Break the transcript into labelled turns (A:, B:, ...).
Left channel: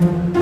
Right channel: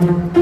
A: Thank mm -hmm. you.